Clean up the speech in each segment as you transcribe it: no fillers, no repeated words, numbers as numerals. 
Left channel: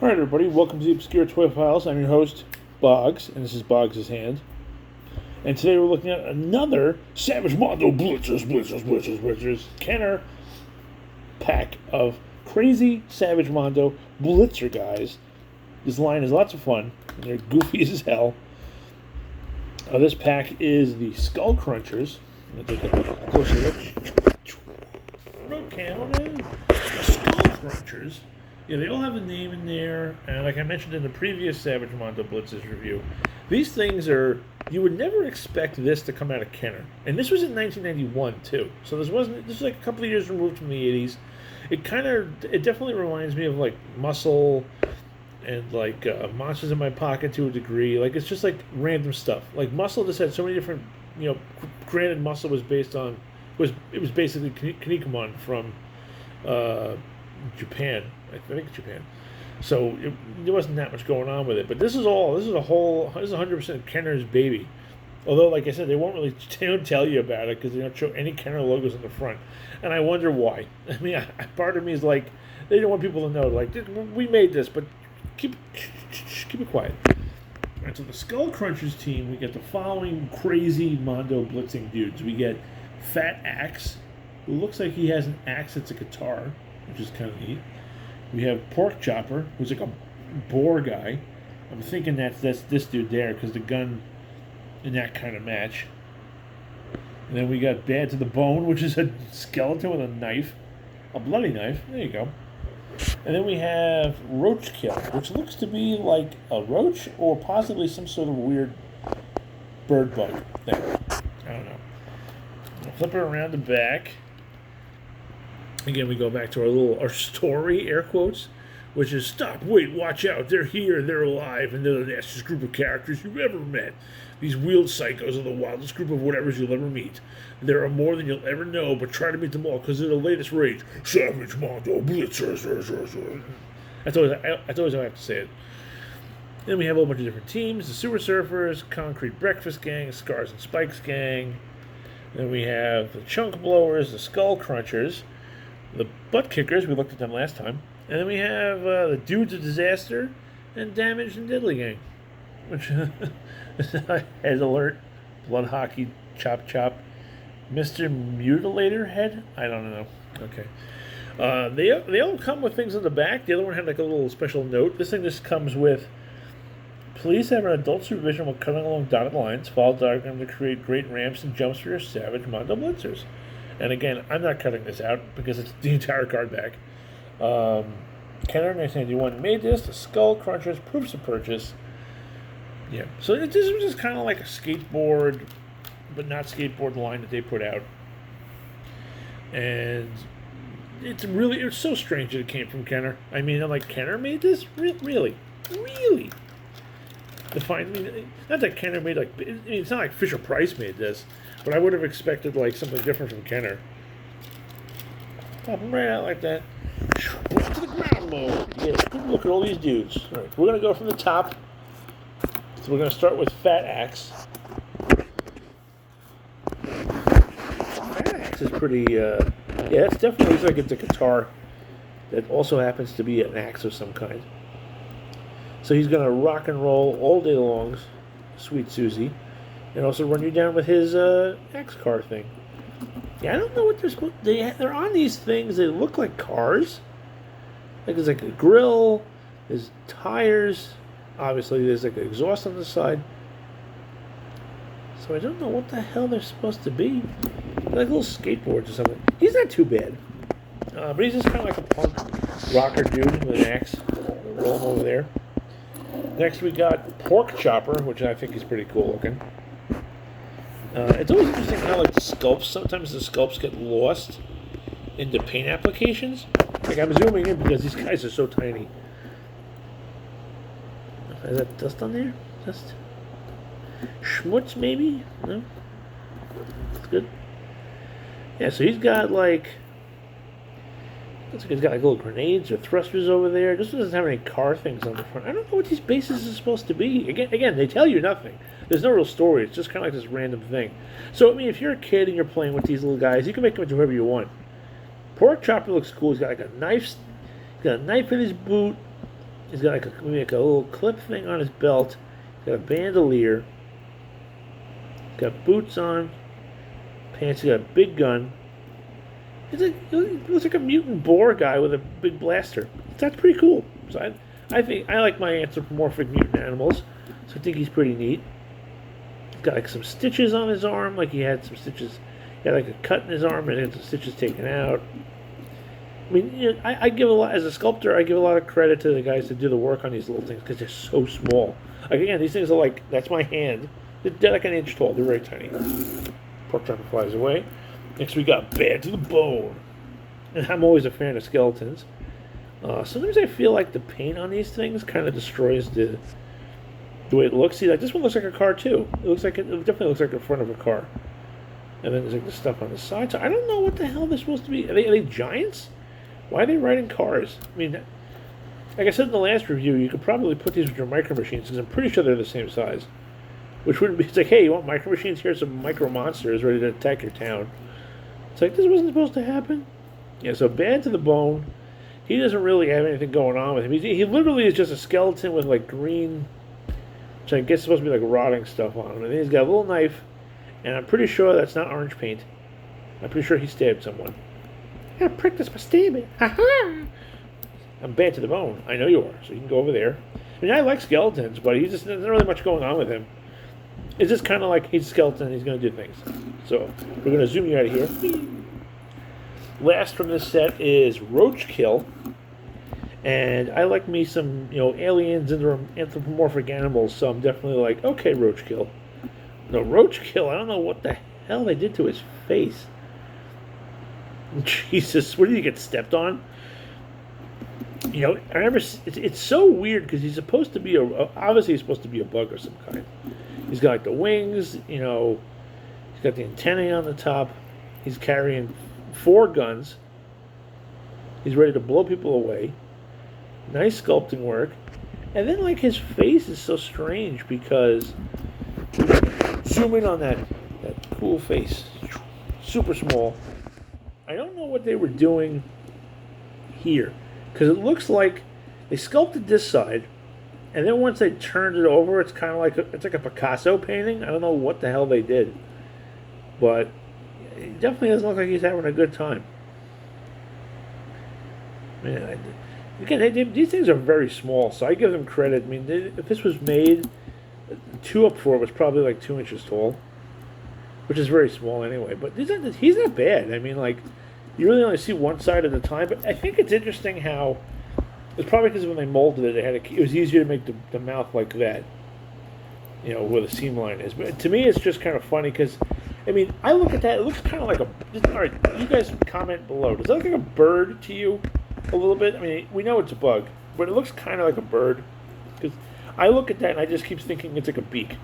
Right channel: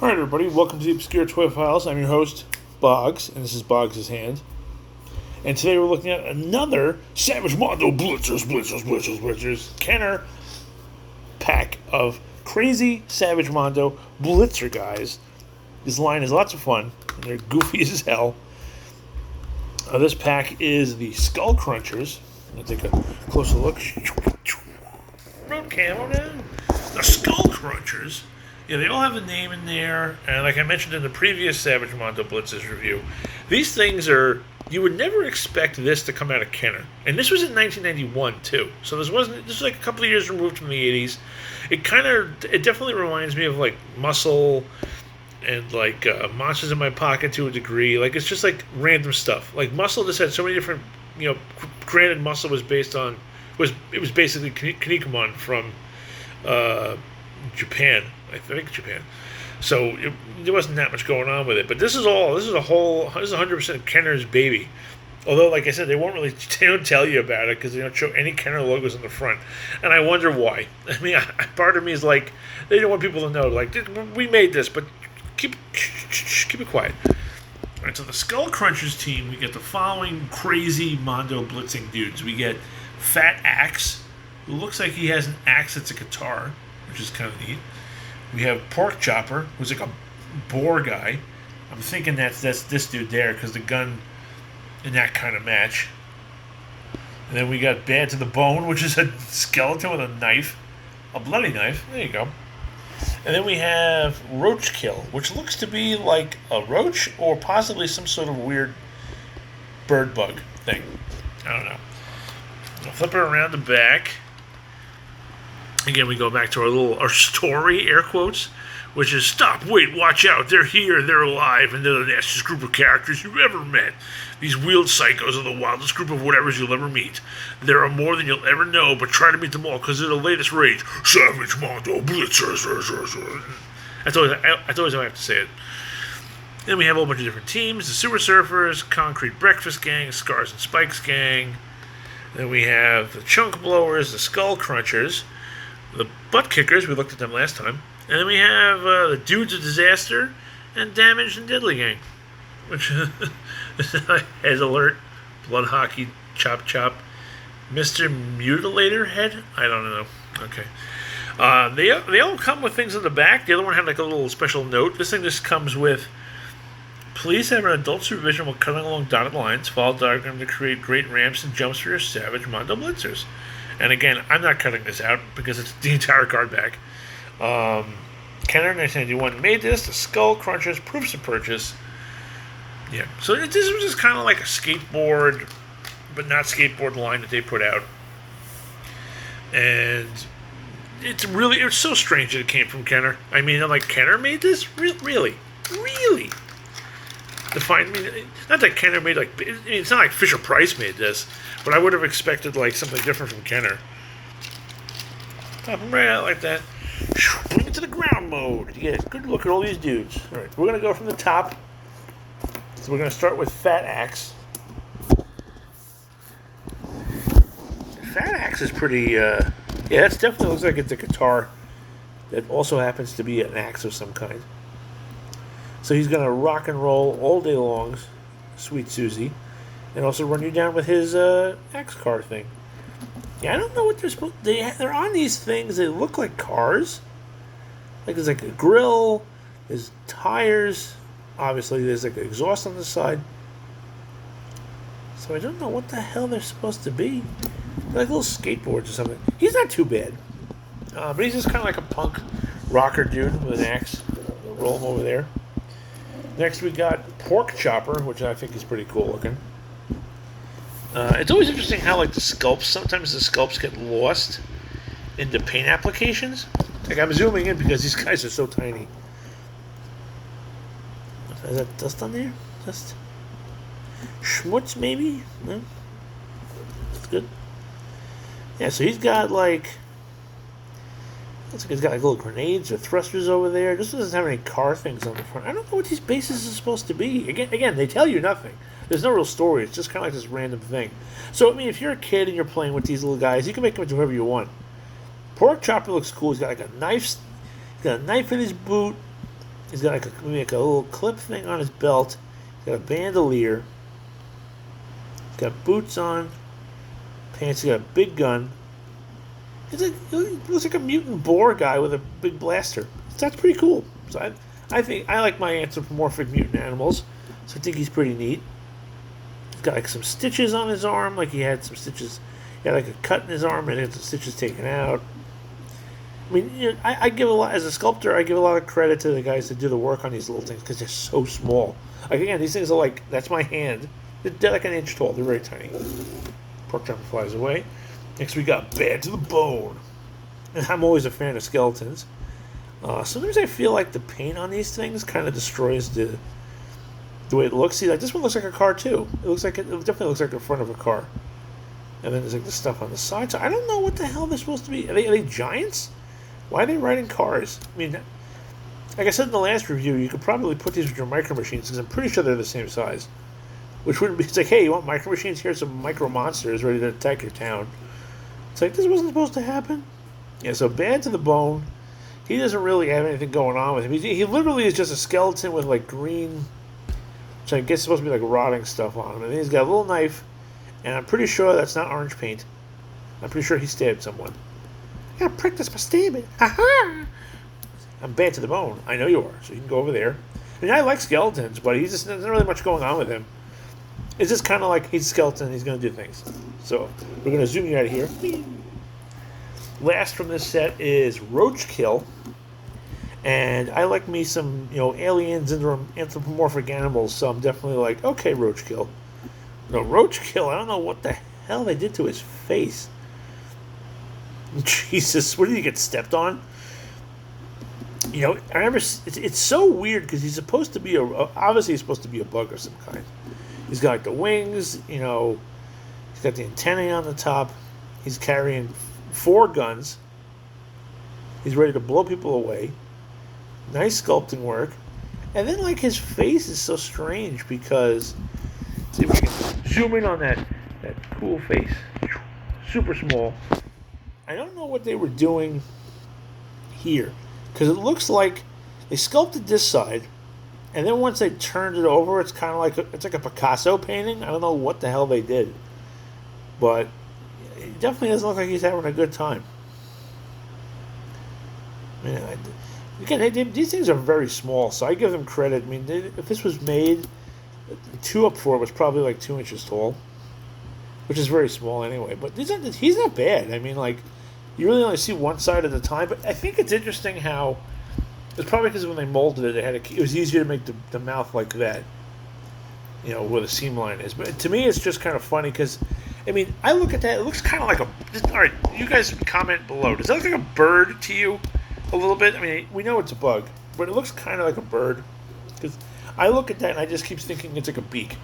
Alright, everybody, welcome to the Obscure Toy Files. I'm your host, Boggs, and this is Boggs' Hand. And today we're looking at another Savage Mondo Blitzers Kenner pack of crazy Savage Mondo Blitzer guys. This line is lots of fun, and they're goofy as hell. This pack is the Skull Crunchers. I'm going to take a closer look. The Skull Crunchers. Yeah, they all have a name in there, and like I mentioned in the previous Savage Mondo Blitzers review, these things are, you would never expect this to come out of Kenner. And this was in 1991, too. So this was like a couple of years removed from the 80s. It definitely reminds me of like Muscle and like Monsters in My Pocket to a degree. Like, it's just like random stuff. Like Muscle just had so many different, granted Muscle was basically Kinnikuman from Japan. I think Japan. So there wasn't that much going on with it. But this is 100% Kenner's baby. Although, like I said, they don't tell you about it because they don't show any Kenner logos on the front. And I wonder why. I mean, part of me is like, they don't want people to know, like, we made this, but keep it quiet. All right, so the Skull Crunchers team, we get the following crazy Mondo blitzing dudes. We get Fat Axe, who looks like he has an axe that's a guitar, which is kind of neat. We have Pork Chopper, who's like a boar guy. I'm thinking that's this dude there because the gun in that kind of match. And then we got Bad to the Bone, which is a skeleton with a knife, a bloody knife. There you go. And then we have Roachkill, which looks to be like a roach or possibly some sort of weird bird bug thing. I don't know. I'll flip it around the back. Again, we go back to our story, air quotes, which is, stop, wait, watch out, they're here, they're alive, and they're the nastiest group of characters you've ever met. These wheeled psychos are the wildest group of whatevers you'll ever meet. There are more than you'll ever know, but try to meet them all, because they're the latest rage. Savage Mondo Blitzers. That's always how I have to say it. Then we have a whole bunch of different teams, the Super Surfers, Concrete Breakfast Gang, Scars and Spikes Gang. Then we have the Chunk Blowers, the Skull Crunchers, the Butt Kickers, we looked at them last time. And then we have the Dudes of Disaster and Damaged and Deadly Gang. Which, Head Alert, Blood Hockey, Chop Chop, Mr. Mutilator Head? I don't know. Okay. They all come with things in the back. The other one had like a little special note. This thing just comes with, please have an adult supervision while cutting along dotted lines. Follow the diagram to create great ramps and jumps for your Savage Mondo Blitzers. And again, I'm not cutting this out because it's the entire card back. Kenner 1991 made this. The Skull Crunchers, proofs of purchase. Yeah, so this was just kind of like a skateboard, but not skateboard line that they put out. And it's so strange that it came from Kenner. I mean, I'm like, Kenner made this? Really? Not that Kenner made it's not like Fisher-Price made this, but I would have expected like something different from Kenner. Pop them right out like that. Bring it to the ground mode. Yeah, good look at all these dudes. All right, we're gonna go from the top. So we're gonna start with Fat Axe. Fat Axe is pretty. Yeah, that's definitely looks like it's a guitar that also happens to be an axe of some kind. So he's going to rock and roll all day long, Sweet Susie, and also run you down with his axe car thing. Yeah, I don't know what they're supposed to... They're on these things that look like cars. Like there's like a grill, there's tires, obviously there's like an exhaust on the side. So I don't know what the hell they're supposed to be. They're like little skateboards or something. He's not too bad. But he's just kind of like a punk rocker dude with an axe. Roll him over there. Next we got Pork Chopper, which I think is pretty cool looking. It's always interesting how sometimes the sculpts get lost into paint applications. Like I'm zooming in because these guys are so tiny. Is that dust on there? Dust? Schmutz maybe? No? That's good. Yeah, so he's got he's got like little grenades or thrusters over there. This doesn't have any car things on the front. I don't know what these bases are supposed to be. Again, they tell you nothing. There's no real story. It's just kind of like this random thing. So, I mean, if you're a kid and you're playing with these little guys, you can make them into whoever you want. Pork Chopper looks cool. He's got like a knife. He's got a knife in his boot. He's got like a little clip thing on his belt. He's got a bandolier. He's got boots on. Pants. He's got a big gun. He looks like a mutant boar guy with a big blaster. That's pretty cool. So I think I like my anthropomorphic mutant animals. So I think he's pretty neat. He's got like some stitches on his arm, like he had some stitches. He had like a cut in his arm and he had some stitches taken out. I mean, you know, I give a lot as a sculptor. I give a lot of credit to the guys that do the work on these little things because they're so small. Like again, these things are like that's my hand. They're like an inch tall. They're very tiny. Pork chopper flies away. Next we got Bad to the Bone. And I'm always a fan of skeletons. Sometimes I feel like the paint on these things kind of destroys the way it looks. See, like this one looks like a car too. It definitely looks like the front of a car. And then there's like the stuff on the side. So I don't know what the hell they're supposed to be. Are they giants? Why are they riding cars? I mean, like I said in the last review, you could probably put these with your micro machines because I'm pretty sure they're the same size. Which wouldn't be. It's like, hey, you want micro machines? Here's some micro monsters ready to attack your town. It's like this wasn't supposed to happen. Yeah. So Bad to the Bone. He doesn't really have anything going on with him. He literally is just a skeleton with like green, which I guess is supposed to be like rotting stuff on him. And then he's got a little knife, and I'm pretty sure that's not orange paint. I'm pretty sure he stabbed someone. I gotta practice my stabbing. Ha-ha! I'm Bad to the Bone. I know you are, so you can go over there. And I like skeletons, but there's not really much going on with him. It's just kind of like he's a skeleton, he's going to do things. So, we're going to zoom you out of here. Last from this set is Roachkill. And I like me some, aliens and anthropomorphic animals, so I'm definitely like, okay, Roachkill. No, Roachkill, I don't know what the hell they did to his face. Jesus, what did he get stepped on? I remember it's so weird because he's supposed to be obviously he's supposed to be a bug of some kind. He's got like the wings, he's got the antennae on the top. He's carrying 4 guns. He's ready to blow people away. Nice sculpting work. And then like his face is so strange because if I can zoom in on that cool face. Super small. I don't know what they were doing here because it looks like they sculpted this side, and then once they turned it over, it's kind of like it's like a Picasso painting. I don't know what the hell they did, but it definitely doesn't look like he's having a good time. Man, again, these things are very small, so I give them credit. I mean, if this was made 2 up 4, it was probably like 2 inches tall, which is very small anyway. But he's not bad. I mean, like. You really only see one side at a time, but I think it's interesting how it's probably because when they molded it, it was easier to make the mouth like that, where the seam line is. But to me, it's just kind of funny because, I mean, I look at that, it looks kind of like all right, you guys comment below. Does that look like a bird to you a little bit? I mean, we know it's a bug, but it looks kind of like a bird because I look at that and I just keep thinking it's like a beak.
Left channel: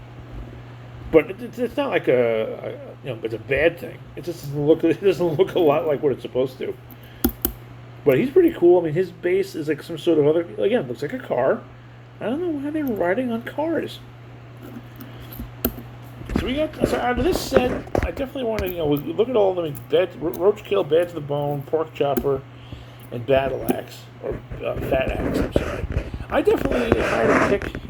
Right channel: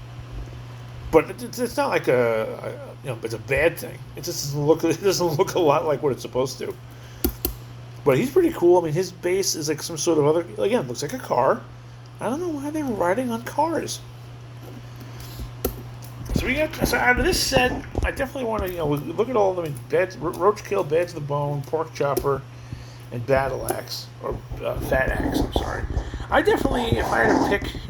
But it's not like it's a bad thing. It just doesn't look a lot like what it's supposed to. But he's pretty cool. I mean, his base is like some sort of other. Again, looks like a car. I don't know why they were riding on cars. So out of this set, I definitely want to look at all of them. Roachkill, Bad to the Bone, Pork Chopper, and Battle Axe or Fat Axe. I'm sorry. I definitely, if I had to pick,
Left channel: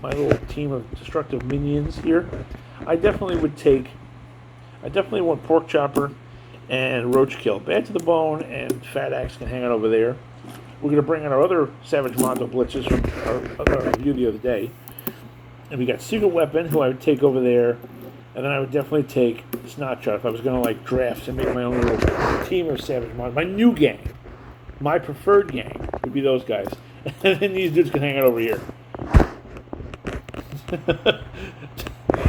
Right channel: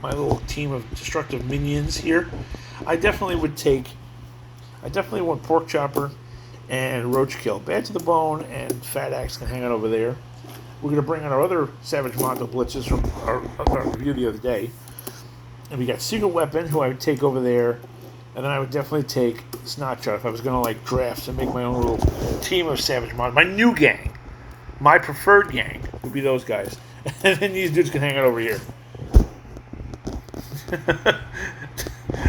my little team of destructive minions here, I definitely want Pork Chopper and Roachkill. Bad to the Bone and Fat Axe can hang out over there. We're going to bring on our other Savage Mondo Blitzers from our review the other day. And we got Secret Weapon, who I would take over there. And then I would definitely take Snotshot if I was going to draft and make my own little team of Savage Mondo. My new gang, my preferred gang, would be those guys. And then these dudes can hang out over here.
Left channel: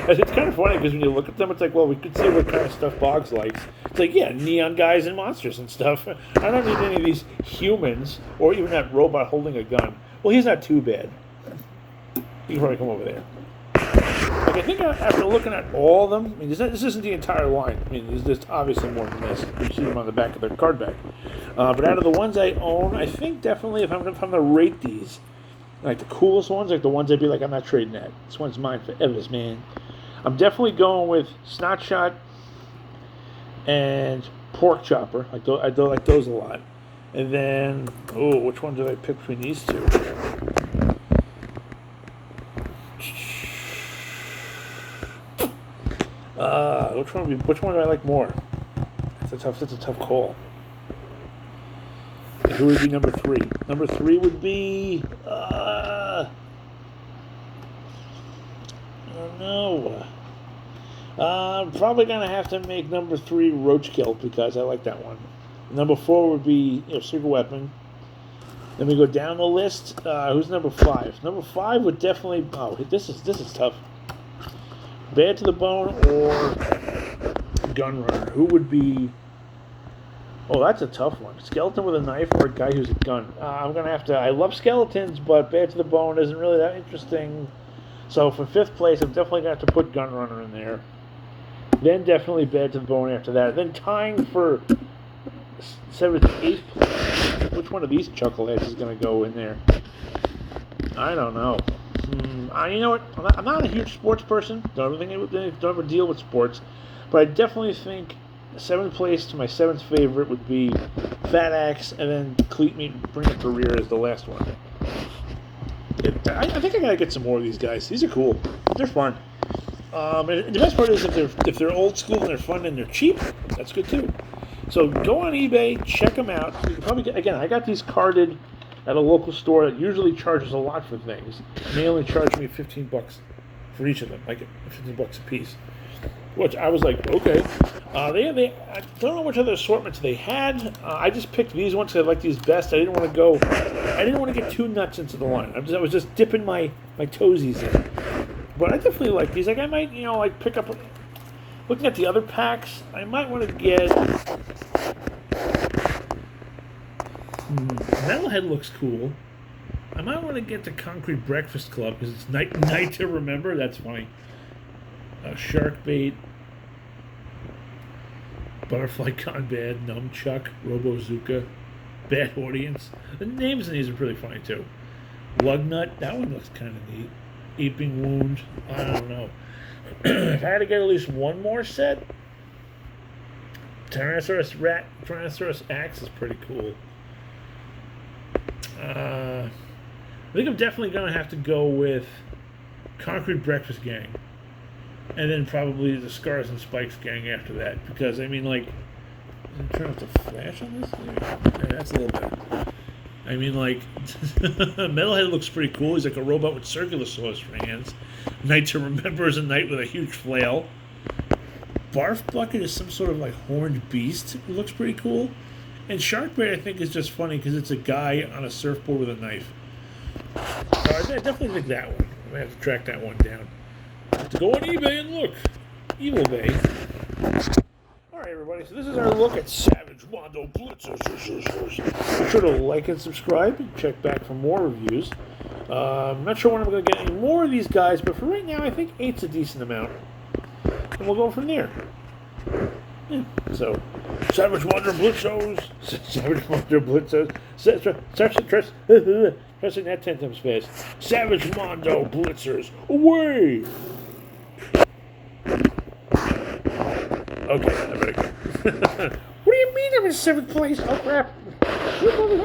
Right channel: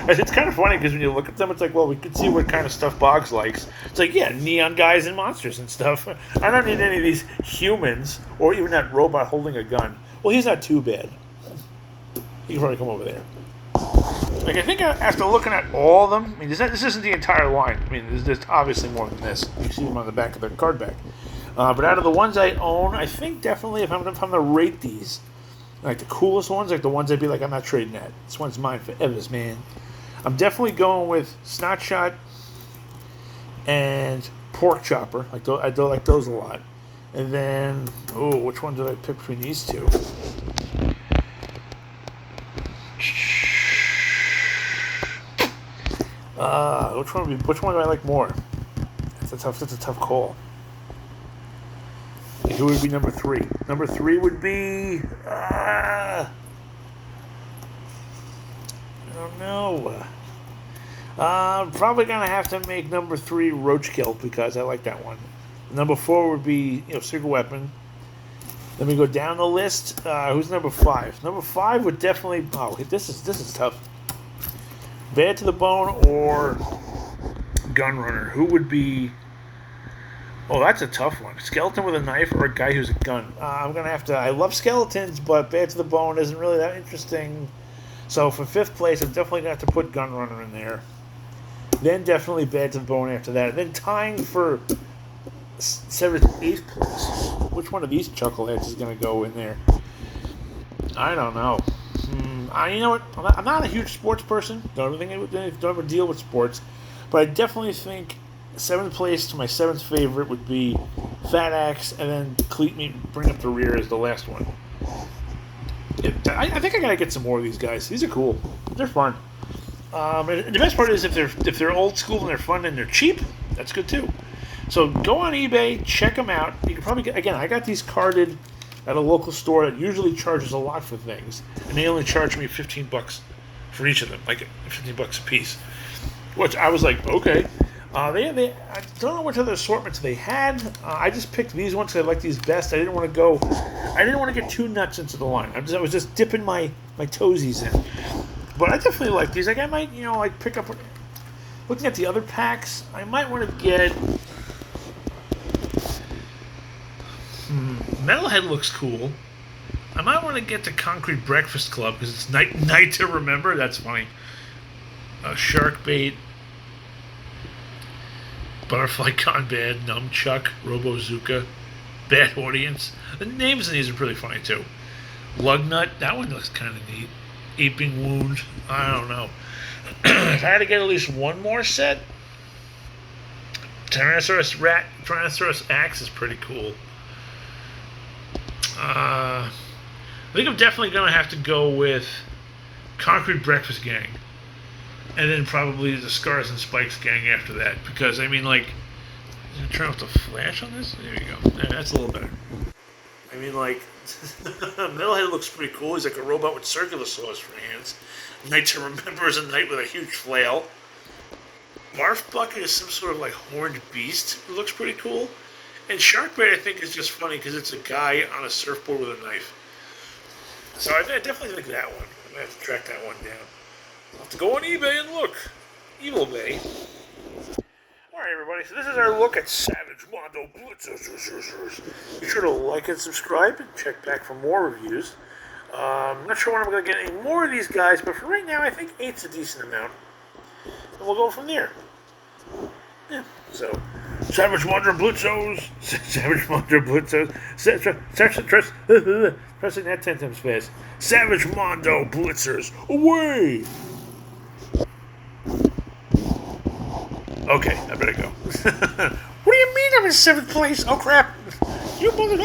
It's kind of funny because when you look at them, it's like, well, we could see what kind of stuff Boggs likes. It's like, yeah, neon guys and monsters and stuff. I don't need any of these humans or even that robot holding a gun. Well, he's not too bad. He can probably come over there. Like, I think after looking at all of them, I mean, this isn't the entire line. I mean, there's obviously more than this. You see them on the back of their card back. But out of the ones I own, I think definitely if I'm going to rate these, like the coolest ones, like the ones I'd be like, I'm not trading that. This one's mine forever, man. I'm definitely going with Snotshot and Pork Chopper. I do like those a lot. And then, which one did I pick between these two? Which one do I like more? That's a tough call. And who would be number 3? Number 3 would be. I don't know. Probably gonna have to make number 3 Roachkill because I like that one. Number 4 would be Secret Weapon. Let me go down the list. Who's number 5? Number 5 would definitely. Oh, this is tough. Bad to the Bone or Gunrunner? Who would be? Oh, that's a tough one. Skeleton with a knife or a guy who's a gun? I'm gonna have to. I love skeletons, but Bad to the Bone isn't really that interesting. So for 5th place, I'm definitely gonna have to put Gunrunner in there. Then definitely Bad to the Bone after that. Then tying for 7th, 8th place. Which one of these chuckleheads is gonna go in there? I don't know. You know what? I'm not a huge sports person. Don't ever deal with sports, but I definitely think 7th place to my 7th favorite would be Fat Axe, and then Cleat Meat Bring Up the Rear is the last one. I think I gotta get some more of these guys. These are cool. They're fun. The best part is if they're old school and they're fun and they're cheap, that's good too. So go on eBay, check them out. You can probably get. Again, I got these carded at a local store that usually charges a lot for things, and they only charge me $15 for each of them, like $15 a piece. Which I was like, okay. I don't know which other assortments they had. I just picked these ones because I like these best. I didn't want to get too nuts into the line. I was just dipping my toesies in. But I definitely like these. Like I might, pick up. Looking at the other packs, I might want to get. Metalhead looks cool. I might want to get the Concrete Breakfast Club because it's night to remember. That's funny. Shark Bait. Butterfly Gone Bad, Nunchuck, Robozuka, Bad Audience. The names of these are pretty funny too. Lugnut, that one looks kind of neat. Aping Wound, I don't know. If I had to get at least one more set, Tyrannosaurus Axe is pretty cool. I think I'm definitely going to have to go with Concrete Breakfast Gang. And then probably the Scars and Spikes gang after that. Because, is it turn off the flash on this? There you go. Yeah, that's a little better. Metalhead looks pretty cool. He's like a robot with circular saws for hands. Knight to Remember is a knight with a huge flail. Barf Bucket is some sort of horned beast. It looks pretty coul. And Sharkbait I think is just funny because it's a guy on a surfboard with a knife. So I definitely think that one. I'm going to have to track that one down. Have to go on eBay and look. Evil Bay. Alright, everybody, so this is our look at Savage Mondo Blitzers. Be sure to like and subscribe and check back for more reviews. I'm not sure when I'm going to get any more of these guys, but for right now, I think 8's a decent amount. And we'll go from there. Yeah, so, Savage Mondo Blitzers. Savage Mondo Blitzers. Pressing that 10 times fast. Savage Mondo Blitzers. Away! Okay, I better go. What do you mean I'm in 7th place? Oh, crap. You mother...